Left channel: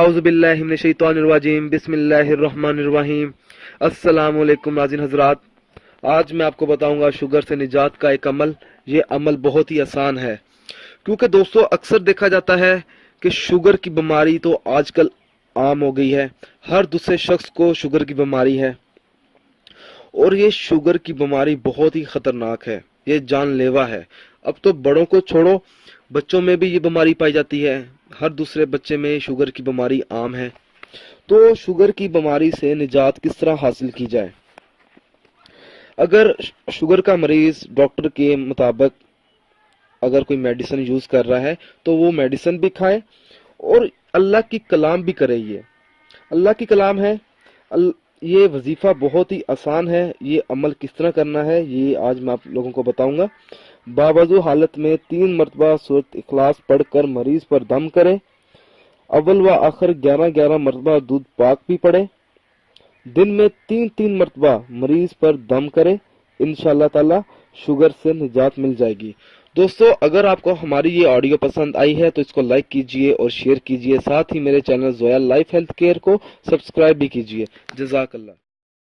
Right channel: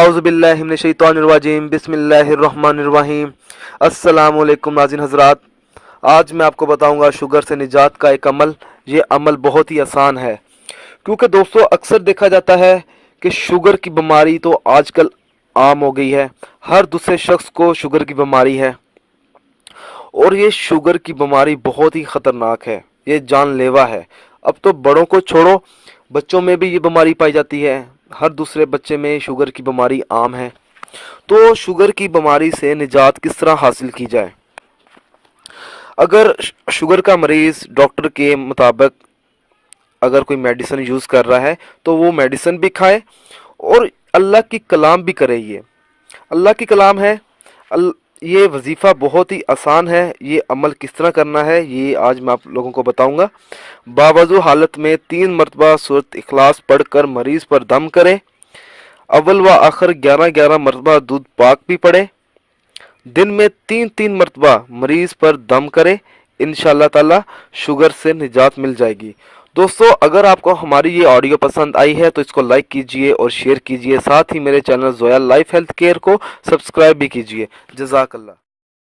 आऊज़ु बिल्लाहि मिनश शैतानिर रजीम बिस्मिल्लाहिर रहमानिर रहीम। अस्सलाम वालेकुम नाज़रीन हज़रात, आज मैं आपको बताऊंगा शुगर से निजात का एक अमल। ये अमल बहुत ही आसान है, क्योंकि दोस्तों अक्सर देखा जाता है कि शुगर की बीमारी तो आजकल आम हो गई है। हर दूसरे शख्स को शुगर की बीमारी है और ये शुगर की बीमारी बहुत ही ख़तरनाक है, ये जानलेवा है। अब तो बड़ों को छोड़ो, बच्चों में भी ये बीमारी पाई जाती है। हर दूसरे बच्चे में शुगर की बीमारी आम है। तो शुगर की बीमारी से निजात किस तरह हासिल की जाए? अगर शुगर का मरीज़ डॉक्टर के मुताबिक अगर कोई मेडिसिन यूज़ कर रहा है तो वो मेडिसिन भी खाए और अल्लाह की कलाम भी करे। ये अल्लाह की कलाम है। ये वजीफ़ा बहुत ही आसान है। ये अमल किस तरह करना है ये आज मैं आप लोगों को बताऊंगा। बावजू हालत में 3 मरतबा सूरत इखलास पढ़कर मरीज़ पर दम करे। अव्वल व आखिर 11-11 मरतबा दूध पाक भी पढ़े। दिन में 3-3 मरतबा मरीज़ पर दम करे। इंशाअल्लाह ताला शुगर से निजात मिल जाएगी। दोस्तों, अगर आपको हमारी ये ऑडियो पसंद आई है तो इसको लाइक कीजिए और शेयर कीजिए। साथ ही मेरे channel Zoya life health care को सब्सक्राइब भी कीजिए। जज़ाकल्लाह।